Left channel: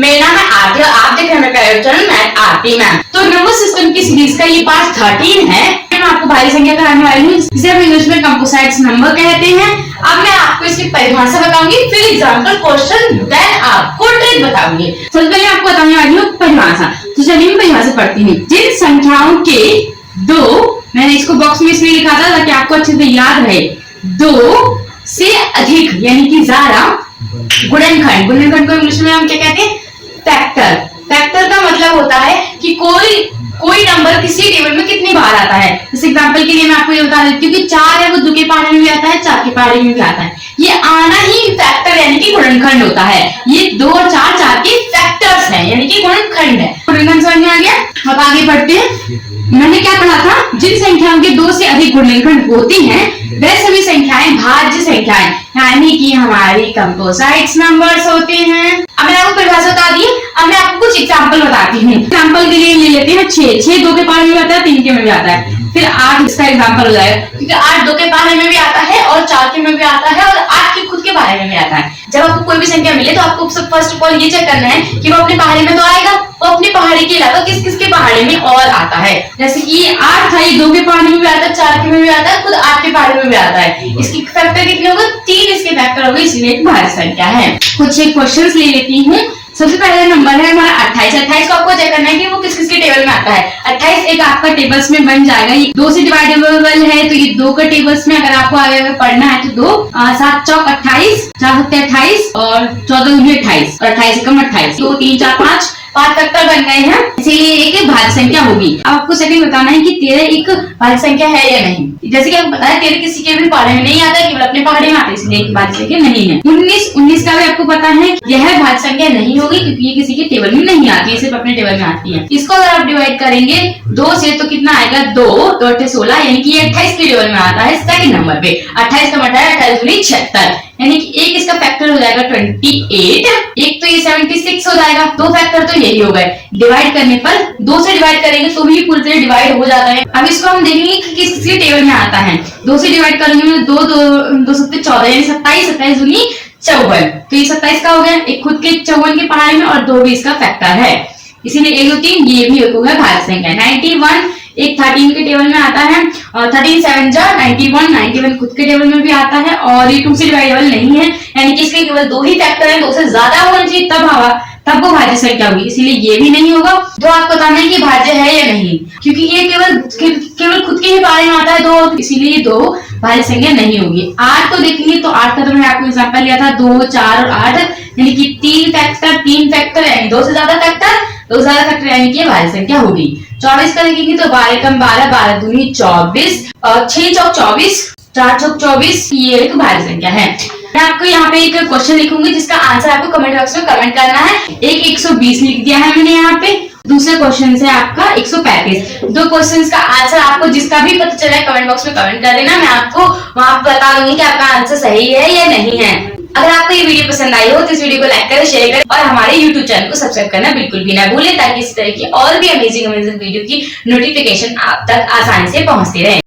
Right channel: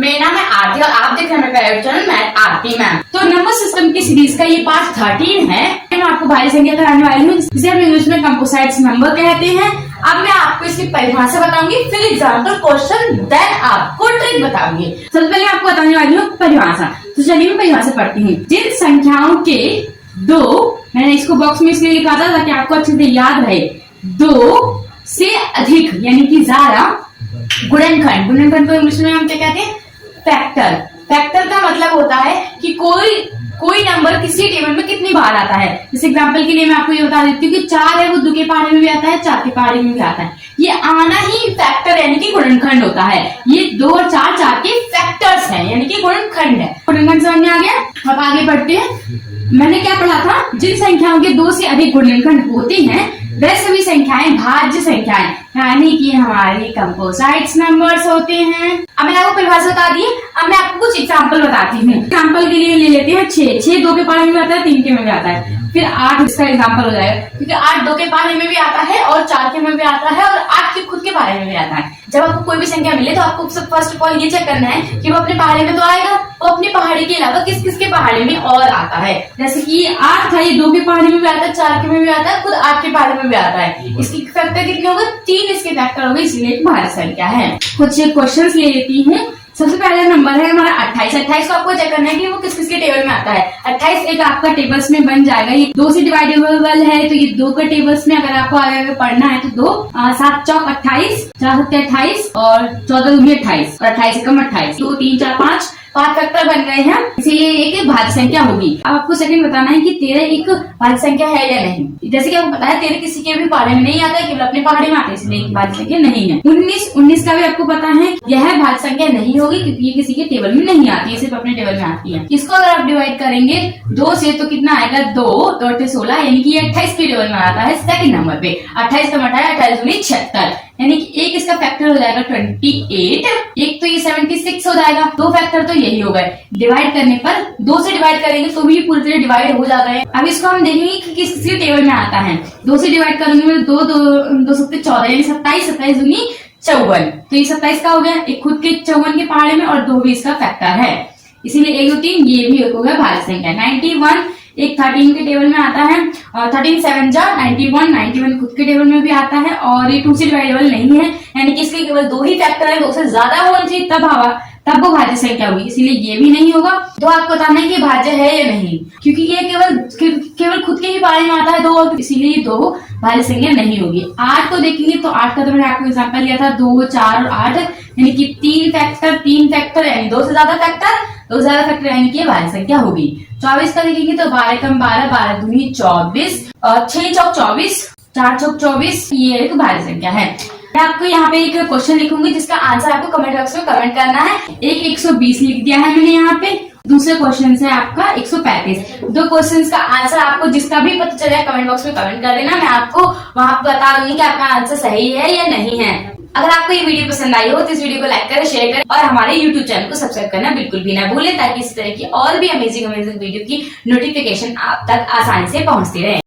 मेरा नाम है आरती और आप देख रहे हैं मेरा चैनल मैथ आरती मैम। तो नंबर सिस्टम की सीरीज का ये पार्ट 13 है। मैं आपको भारी संख्या कराने वाली हूँ जिसे हम इंग्लिश में कंपोजिट्स नंबर कहते हैं। अब मैं आपको इसकी परिभाषा बताऊंगी, फिर एग्जाम्पल क्वेश्चन, देन आपको ट्रिक बताऊंगी। सबसे पहले आपको बताने वाली हूँ परिभाषा। तो चलिए मैं परिभाषा पढ़ती हूँ। जिन संख्याओं के दो, मैंने इसको बॉक्स में इसलिए लिखा था ताकि आपको अच्छे से याद रहे, दो से अधिक यानी कि ज्यादा गुणनखंड, गुणनखंड को इंग्लिश में हम क्या कहते हैं? फैक्टर। फैक्टर का मतलब होता है कि कोई नंबर किसी टेबल में कितनी बार आता है। जैसे एग्जांपल के लिए मैं आपको ये बता देती हूँ कि 4 है वो 2 के पहाड़े में भी आता है, 4 के पहाड़े में भी आता है। ये आना ही फैक्टर यानी कि गुणनखंड होता है। ये 2 और 4 4 के फैक्टर्स हैं यानी कि गुणनखंड है। गुणनखंड समझ में आ गया? अब आगे बढ़ते हैं। मैंने क्या पढ़ा था? जिन संख्याओं के 2 से अधिक गुणनखंड होती हैं वह सभी संख्याएं भाज्य संख्याएं यानी कि हमारी कंपोजिट्स नंबर्स होते हैं। अब मैंने आपको परिभाषा बता दी। अब मैं आपको कुछ एग्जांपल बताती हूँ। एग्जांपल के लिए ले लेते हैं 6 2 के पहाड़े में भी आता है, 3 के में भी आता है। फिर 8 इसका एग्जांपल हो जाएगा क्योंकि 8 2 के पहाड़े में भी आता है और 4 के में भी आता है और 8 के खुद के पहाड़े में भी आता है। जब आपको कोई भी संख्या मिले तो आपको फर्स्ट ऑफ ऑल ये चेक करना है कि वो अपने पहाड़े में तो आएगा, वो अपने पहाड़ी के अलावा किस किस के पहाड़े में और आता है। जैसे कि ये 8 था, ये 2 के पहाड़े में भी आता है, 4 के में भी आता है, खुद 8 के पहाड़े में भी आता है। इसकी फैक्टर कितने होगा? 3 इसके फैक्टर होंगे, इसलिए एक भाज्य संख्या है। कुछ एक क्वेश्चंस ले लेती हूँ। सबसे पहला नंबर है हमारा 28। 28 को आपको चेक करना है कि वो किस किस के टेबल में आता है। 28 एक आपका टेबल्स में बन जाएगा। ये 2 से डिवाइडेबल है तो ये 2 का टेबल्स में अगर आपको आगे पढ़ना है तो 2 7 चौक 28, 4 28 और 14 दूनी 28 और 28 एकम 28, 2 3 4 5 फैक्टर बन गए हैं, इसीलिए एक भाज्य संख्या होगी। अब आपको सेकंड बताना है कि 13 एक भाज्य संख्या है या नहीं। जैसे कि आपको पता है 13 किसी के भी पहाड़े में नहीं आता, केवल अपने पहाड़े में आता है, इसलिए एक भाज्य संख्या नहीं है। 19 का भी आपको पता है यह भाज्य संख्या नहीं होगी क्योंकि ये किसी के टेबल में नहीं आती है, सिर्फ अपने टेबल में आती है। इसको अगर आप डिवाइड करेंगे 2 से तो कितना आएगा? 2 2 16 यानी कि 28 के टेबल में आता है सेकंड नंबर पे। 28 का मतलब 28 दूनी 76 यानी कि एक इसका फैक्टर हो जाएगा 28, एक तो ये 76 हो जाएगा। 2 फैक्टर तो यही हो गए। डिवाइड करने पर 2 से डिवाइड करेंगे तो भी पूरी तरह डिवाइड हो जाता है। अब इसको हम देखेंगे कि किस किस के टेबल में आता है। 2 से डिवाइड करेंगे तो 2 7 14 यानी 27, 27 दूनी 54, तो ये 27 का हो गया। एक खुद के 54 के पहाड़े में और 2 भी इसका फैक्टर है, इसीलिए 1 2 3 ये भी एक हो गया भाज्य संख्या। 91 एक 13 के टेबल में आता है और 13 7 जा 91 खुद के टेबल में भी आता है और ये 2 से डिवाइडेबल नहीं है यानी कि इसके केवल 2 ही फैक्टर हैं, 2 से ज्यादा होना चाहिए तब वो भाज्य संख्या होगी, इसीलिए ये भी नहीं होगा। तो आपको बताना है कि भाज्य है या नहीं, क्योंकि ये केवल खुद के ही बारे में आता है 2, इसीलिए ये 2 भाज्य संख्या नहीं होगी। 8 को देखेंगे तो 8 का तो मैंने आपको एग्जांपल लिया था 2 4 और 8 यानी कि 3 फैक्टर यानी 2 से ज्यादा फैक्टर यानी कि भाज्य संख्या होगी। 24 का देखेंगे तो 12 कम 12 12 दूनी 24 और 6 चौक 24 4 चौक 24 ये एक भाज्य संख्या है। मैं आपको यहाँ पे एक क्वेश्चन लिखूंगी जिसका आंसर आपको कमेंट बॉक्स में कमेंट करना है। एक 120 लिख दिया है मैंने यहाँ पे। दूसरा क्वेश्चन है आपका 135। 2 क्वेश्चंस का आंसर आपको जिसका भी पता चला कमेंट बॉक्स में कमेंट कर देना। मैं आपको वहां पर बता दूंगी कि आपका आंसर सही है या नहीं है। अगर आपको ये वीडियो पसंद आई हो तो इस वीडियो को लाइक करें, शेयर करें और हमारे YouTube चैनल को सब्सक्राइब करना बिल्कुल भी ना भूलें ताकि इस तरह की और भी अमेजिंग वीडियो की नोटिफिकेशन आप तक आसानी से पहुंचती रहे।